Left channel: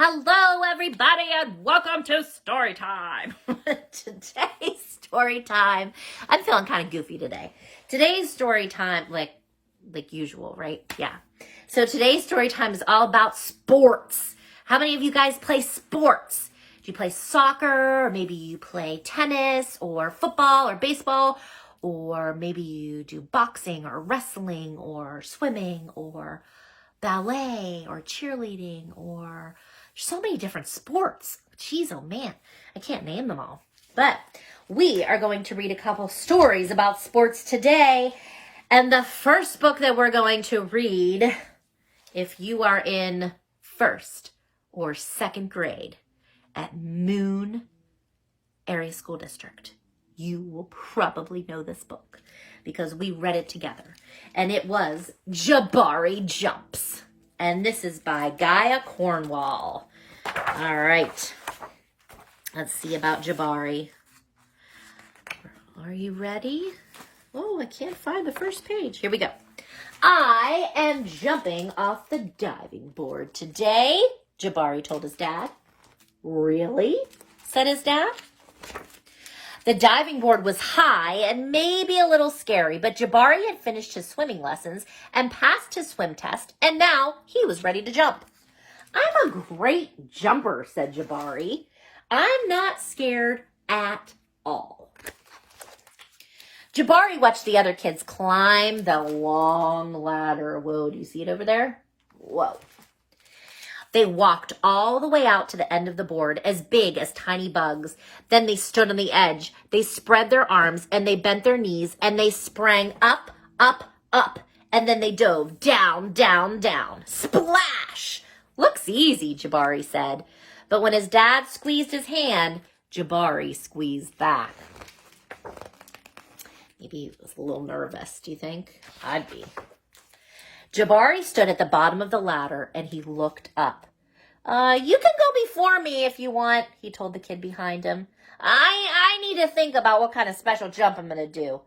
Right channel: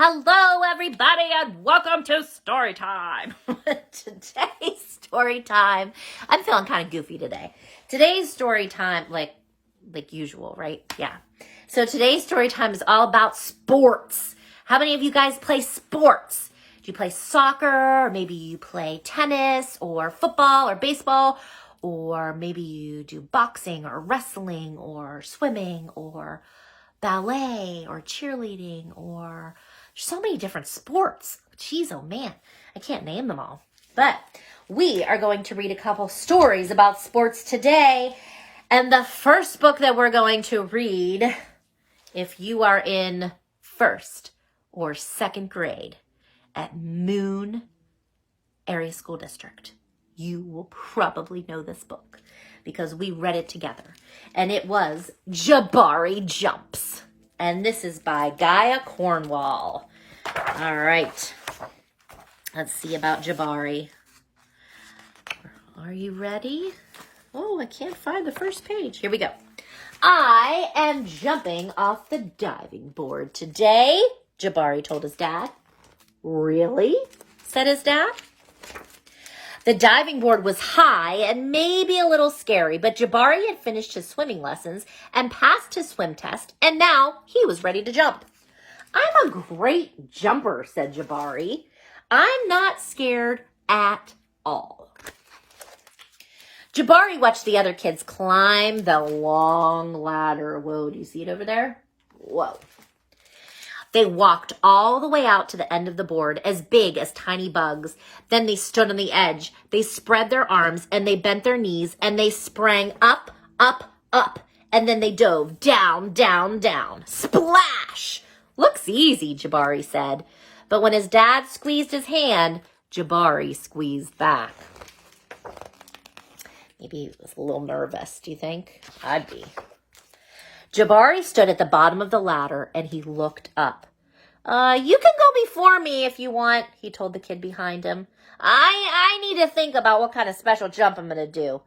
Hello, everybody, and welcome to Storytime. Today's Storytime, I'm feeling kind of goofy today. Today's Storytime, like usual, right? Yeah. So today's Storytime is all about sports. How many of you guys play sports? Do you play soccer, or maybe you play tennis, or football, or baseball, or maybe you do boxing, or wrestling, or swimming, or ballet, or cheerleading, or so many different sports. Jeez, oh man, I can't name them all. But we are going to read a couple stories about sports today. And the first book that we're going to read, if you are in first or second grade at Moon Area School District, you will probably know this book because we read it together. And it was Jabari Jumps. And this is by Gaia Cornwall. All right. Let's see about Jabari. Are you ready? Oh, I can't find the first page. Here we go. I am jumping off the diving board today, Jabari told his dad. Really? Said his dad. The diving board was high and maybe a little scary, but Jabari had finished his swimming lessons and passed his swim test, and now he was ready to jump. I'm a great jumper, said Jabari. I'm not scared at all. Jabari watched the other kids climb the long ladder. Whoa, do you see it over there? Whoa. They walked all the way out to the end of the board, as big as tiny bugs. Then they stood on the edge. They spread their arms, and they bent their knees, and they sprang up, up, up. And then they dove down, down, down. Splash! Looks easy, Jabari said. But when his dad squeezed his hand, Jabari squeezed back. Maybe he was a little nervous, do you think? I'd be. Jabari stood at the bottom of the ladder, and he looked up. You can go before me if you want, he told the kid behind him. I need to think about what kind of special jump I'm going to do.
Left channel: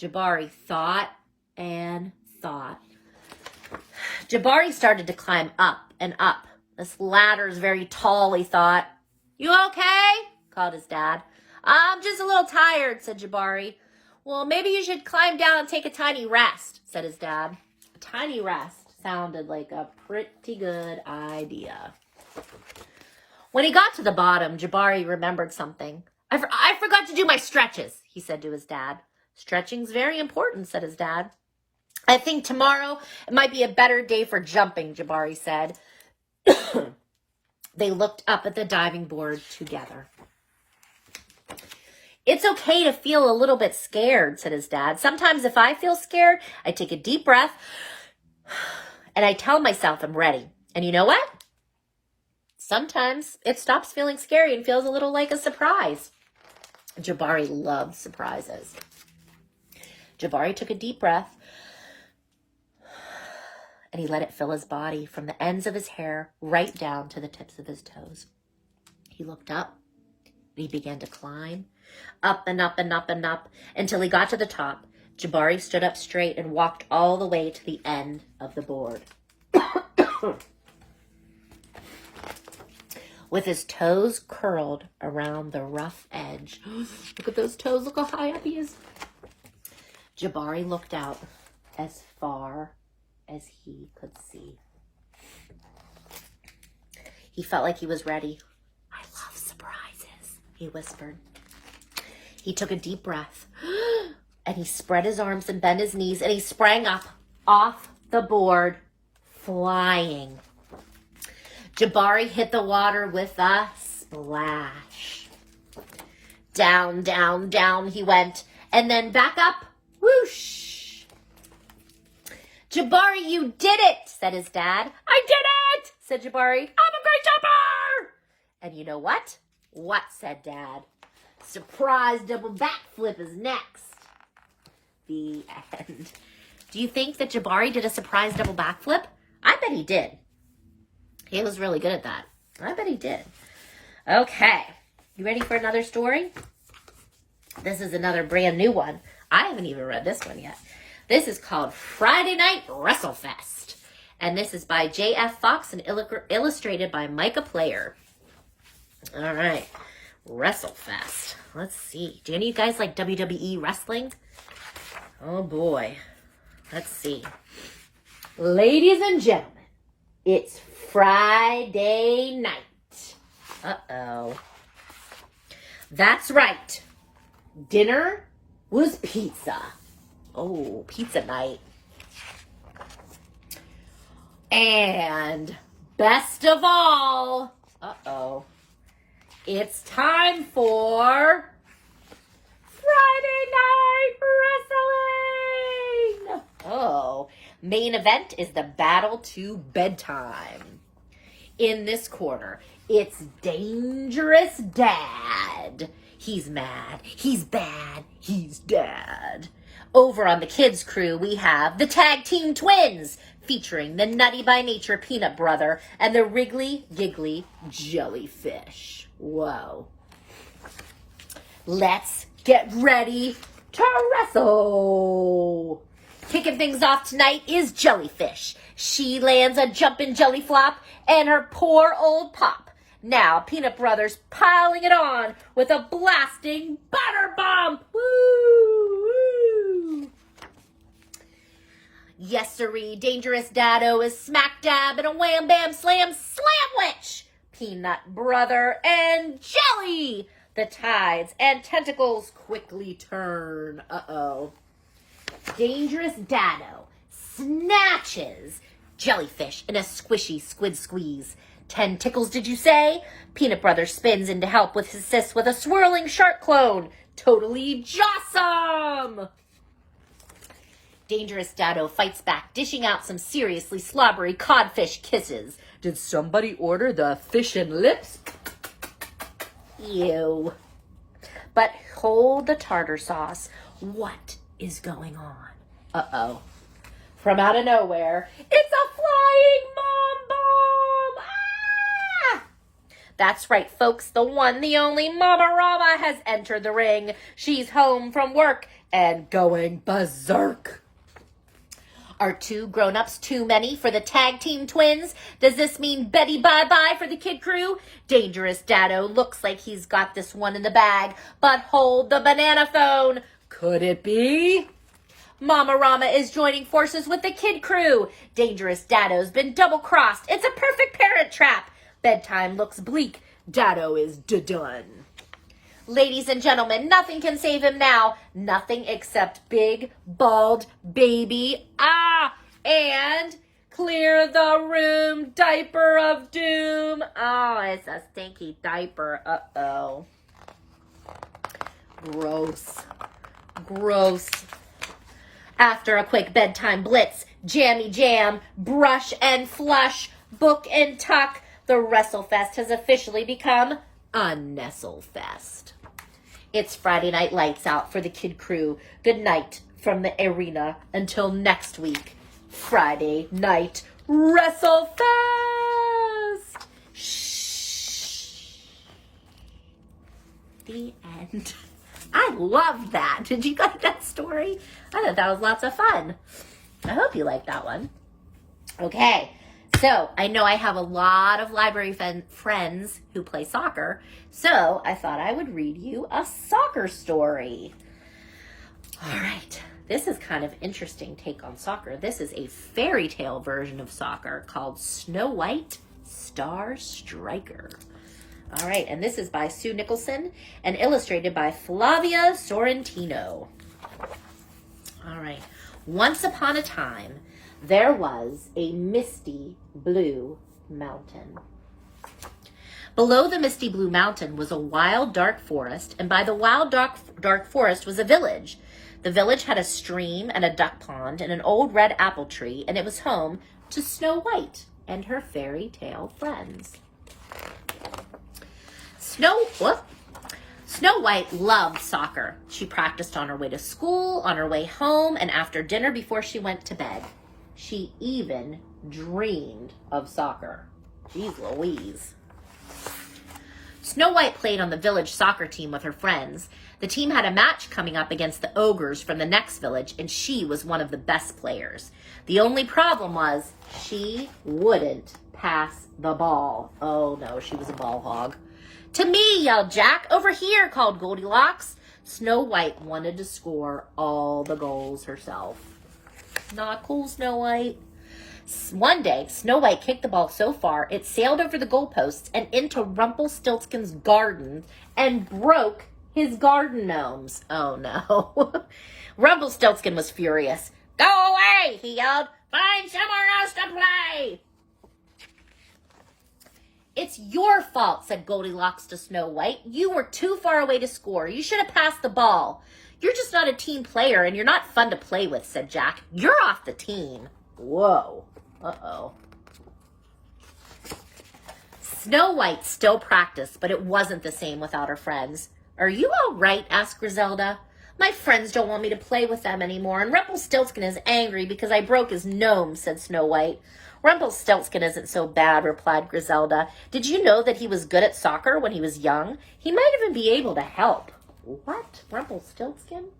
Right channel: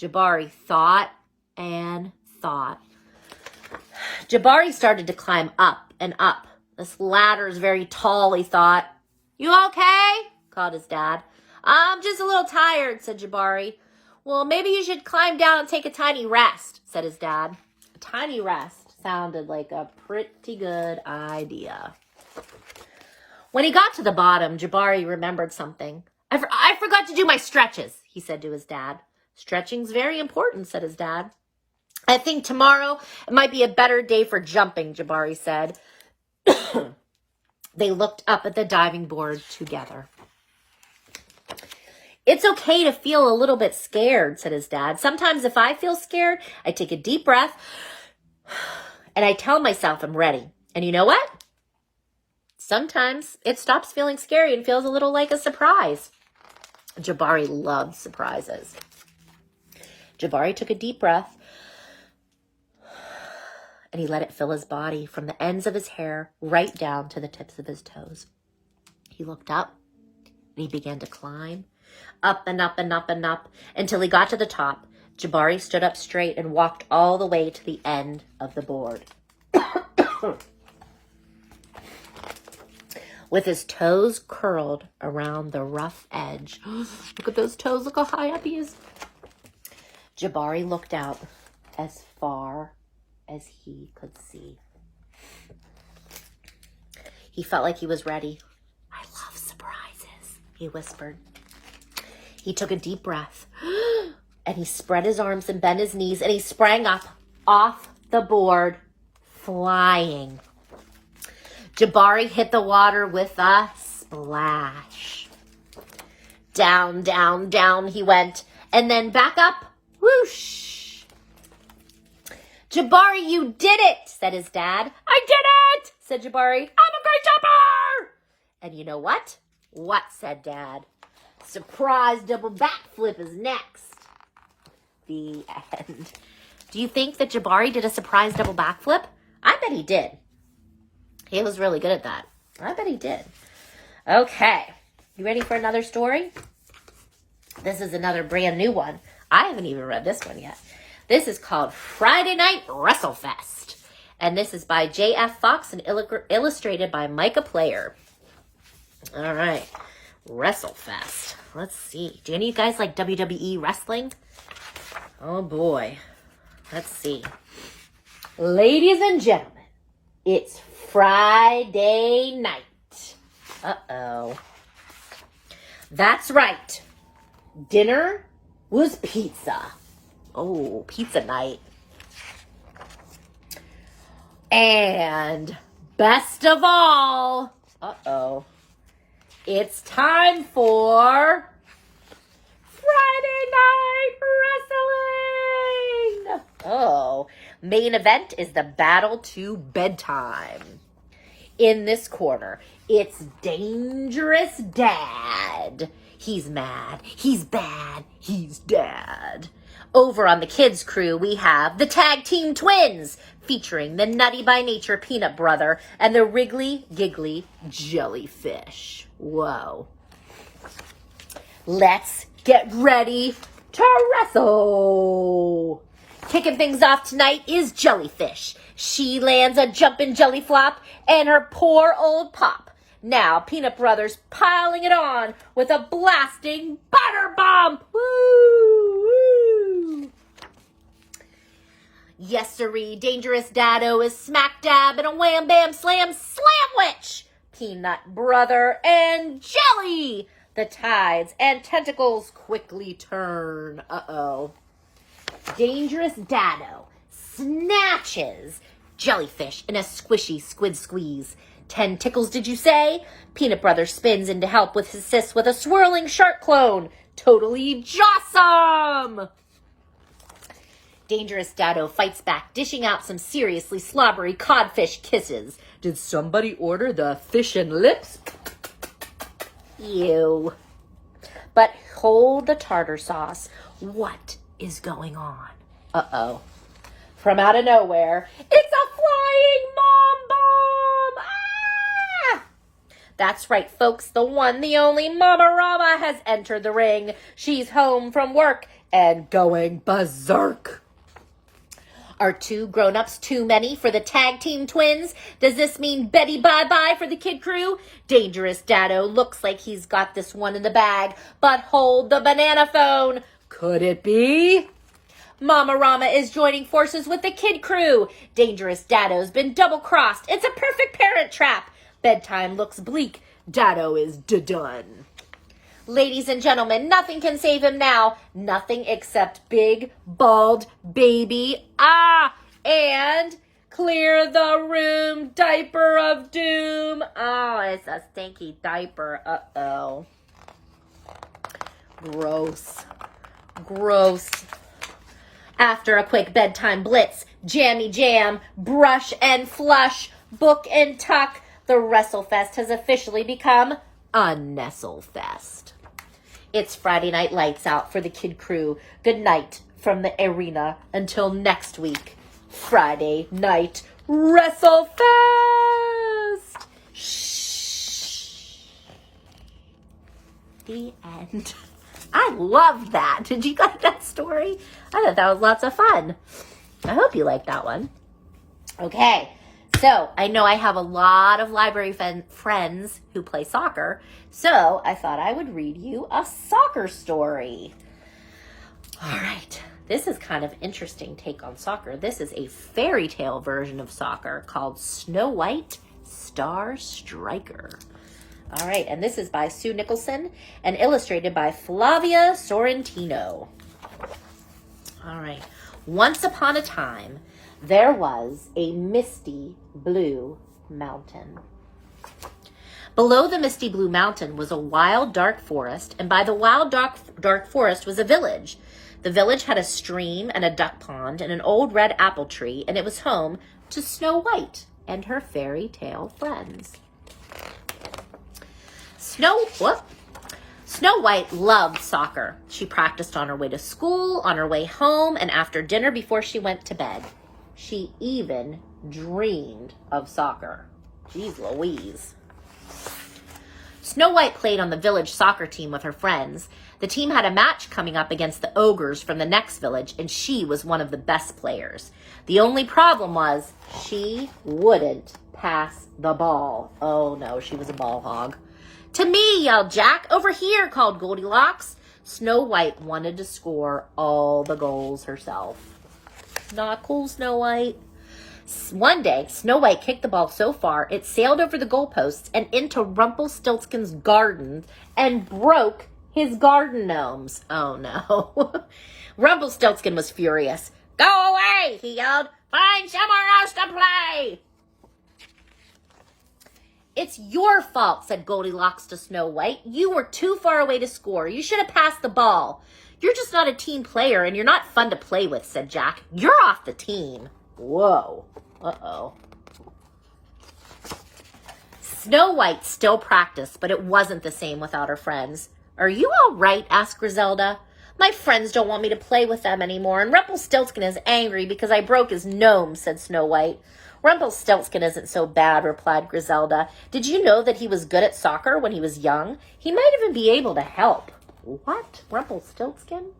Jabari thought and thought. Jabari started to climb up and up. This ladder's very tall, he thought. You okay? Called his dad. I'm just a little tired, said Jabari. Well, maybe you should climb down and take a tiny rest, said his dad. A tiny rest sounded like a pretty good idea. When he got to the bottom, Jabari remembered something. I forgot to do my stretches, he said to his dad. Stretching's very important, said his dad. I think tomorrow it might be a better day for jumping, Jabari said. They looked up at the diving board together. It's okay to feel a little bit scared, said his dad. Sometimes if I feel scared, I take a deep breath and I tell myself I'm ready. And you know what? Sometimes it stops feeling scary and feels a little like a surprise. Jabari loved surprises. Jabari took a deep breath and he let it fill his body from the ends of his hair right down to the tips of his toes. He looked up and he began to climb up and up and up and up until he got to the top. Jabari stood up straight and walked all the way to the end of the board. With his toes curled around the rough edge. Look at those toes. Look how high up he is. Jabari looked out as far as he could see. He felt like he was ready. I love surprises, he whispered. He took a deep breath and he spread his arms and bent his knees and he sprang up off the board, flying. Jabari hit the water with a splash. Down, down, down he went, and then back up, whoosh. Jabari, you did it, said his dad. I did it, said Jabari. I'm a great jumper. And you know what? What, said Dad? Surprise double backflip is next. The end. Do you think that Jabari did a surprise double backflip? I bet he did. He was really good at that. I bet he did. Okay. You ready for another story? This is another brand new one. I haven't even read this one yet. This is called Friday Night WrestleFest. And this is by J.F. Fox and illustrated by Micah Player. All right. WrestleFest. Let's see. Do any of you guys like WWE wrestling? Oh, boy. Let's see. Ladies and gentlemen, it's Friday night. Uh-oh. That's right. Dinner was pizza. Oh, pizza night. And best of all, it's time for Friday Night Wrestling. Oh, main event is the Battle to Bedtime. In this corner, it's Dangerous Dad. He's mad, he's bad, he's dad. Over on the kids' crew, we have the Tag Team Twins, featuring the Nutty by Nature Peanut Brother and the Wriggly Giggly Jellyfish. Whoa. Let's get ready to wrestle. Kicking things off tonight is Jellyfish. She lands a jumping jelly flop and her poor old pop. Now, Peanut Brother's piling it on with a blasting butter bomb. Woo! Woo! Yes, sirree, Dangerous Dado is smack dab in a wham bam slam slamwich. Peanut Brother and Jelly. The tides and tentacles quickly turn. Uh-oh. Dangerous Dado snatches Jellyfish in a squishy squid squeeze. 10 tickles, did you say? Peanut Brother spins in to help with his assist with a swirling shark clone. Totally jawsome! Dangerous Dado fights back, dishing out some seriously slobbery codfish kisses. Did somebody order the fish and lips? Ew. But hold the tartar sauce. What is going on? Uh-oh. From out of nowhere, it's a flying mom bomb! Ah! That's right, folks. The one, the only Mama Rama has entered the ring. She's home from work and going berserk. Are 2 grown-ups too many for the Tag Team Twins? Does this mean Betty bye-bye for the kid crew? Dangerous Dado looks like he's got this one in the bag, but hold the banana phone. Could it be? Mama Rama is joining forces with the kid crew. Dangerous Dado's been double-crossed. It's a perfect parent trap. Bedtime looks bleak. Dado is done. Ladies and gentlemen, nothing can save him now. Nothing except big, bald baby. And clear the room, diaper of doom. Oh, it's a stinky diaper. Uh-oh. Gross. Gross. After a quick bedtime blitz, jammy jam, brush and flush, book and tuck, the WrestleFest has officially become a Nestlefest. It's Friday night lights out for the kid crew. Good night from the arena until next week. Friday night WrestleFest! Shh. The end. I love that. Did you like that story? I thought that was lots of fun. I hope you liked that one. Okay, so I know I have a lot of library friends who play soccer, so I thought I would read you a soccer story. All right, this is kind of interesting take on soccer. This is a fairy tale version of soccer called Snow White Star Striker. All right, and this is by Sue Nicholson and illustrated by Flavia Sorrentino. All right. Once upon a time, there was a misty blue mountain. Below the misty blue mountain was a wild, dark forest, and by the wild, dark forest was a village. The village had a stream and a duck pond and an old red apple tree, and it was home to Snow White and her fairy tale friends. Snow White loved soccer. She practiced on her way to school, on her way home, and after dinner before she went to bed. She even dreamed of soccer. Jeez Louise. Snow White played on the village soccer team with her friends. The team had a match coming up against the ogres from the next village, and she was one of the best players. The only problem was she wouldn't pass the ball. Oh no, she was a ball hog. To me, yelled Jack. Over here, called Goldilocks. Snow White wanted to score all the goals herself. Not cool, Snow White. One day, Snow White kicked the ball so far, it sailed over the goalposts and into Rumpelstiltskin's garden and broke his garden gnomes. Oh no. Rumpelstiltskin was furious. Go away, he yelled. Find somewhere else to play. It's your fault, said Goldilocks to Snow White. You were too far away to score. You should have passed the ball. You're just not a team player, and you're not fun to play with, said Jack. You're off the team. Whoa. Uh-oh. Snow White still practiced, but it wasn't the same without her friends. Are you all right? Asked Griselda. My friends don't want me to play with them anymore, and Rumpelstiltskin is angry because I broke his gnome, said Snow White. Rumpelstiltskin isn't so bad, replied Griselda. Did you know that he was good at soccer when he was young? He might even be able to help. What? Rumpelstiltskin?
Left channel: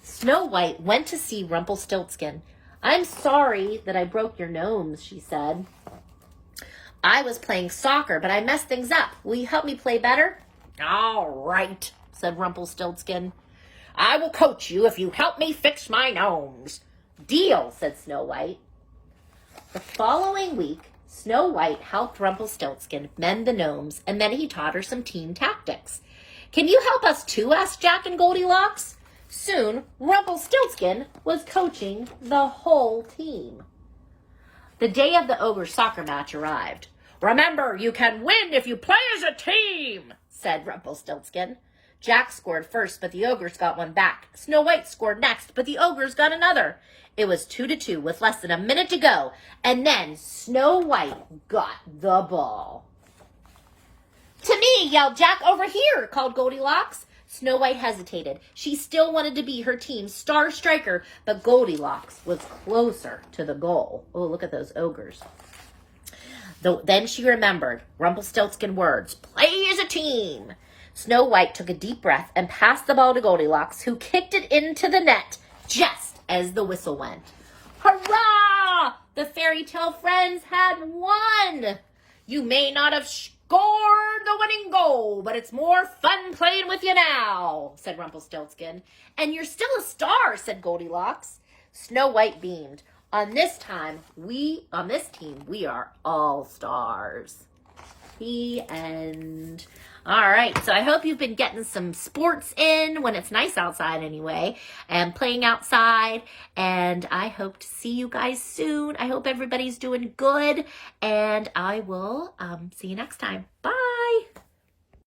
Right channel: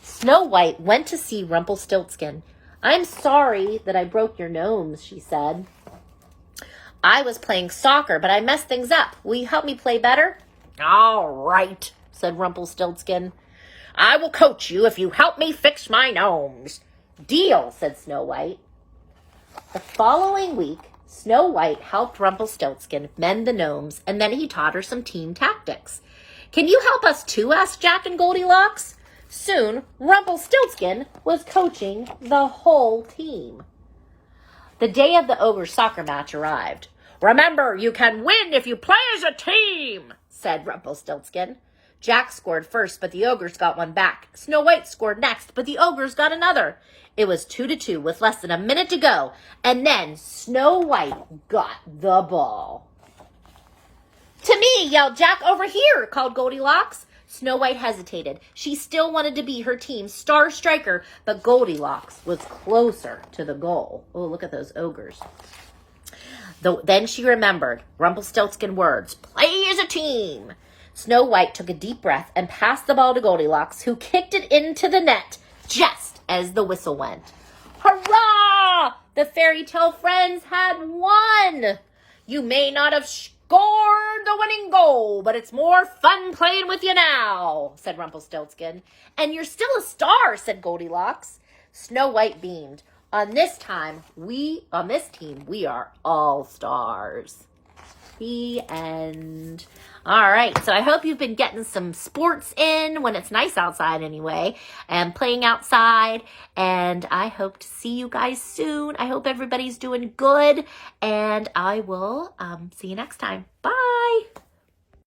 Snow White went to see Rumpelstiltskin. I'm sorry that I broke your gnomes, she said. I was playing soccer, but I messed things up. Will you help me play better? All right, said Rumpelstiltskin. I will coach you if you help me fix my gnomes. Deal, said Snow White. The following week, Snow White helped Rumpelstiltskin mend the gnomes, and then he taught her some team tactics. Can you help us too? Asked Jack and Goldilocks. Soon, Rumpelstiltskin was coaching the whole team. The day of the ogre soccer match arrived. Remember, you can win if you play as a team, said Rumpelstiltskin. Jack scored first, but the ogres got one back. Snow White scored next, but the ogres got another. It was 2-2 with less than a minute to go, and then Snow White got the ball. To me, yelled Jack. Over here, called Goldilocks. Snow White hesitated. She still wanted to be her team's star striker, but Goldilocks was closer to the goal. Oh, look at those ogres. Then she remembered Rumpelstiltskin words, play as a team. Snow White took a deep breath and passed the ball to Goldilocks, who kicked it into the net just as the whistle went. Hurrah! The fairy tale friends had won. You may not have scored the winning goal, but it's more fun playing with you now, said Rumpelstiltskin. And you're still a star, said Goldilocks. Snow White beamed. On this team, we are all stars. The end. All right, so I hope you've been getting some sports in when it's nice outside anyway, and playing outside, and I hope to see you guys soon. I hope everybody's doing good, and I will see you next time. Bye.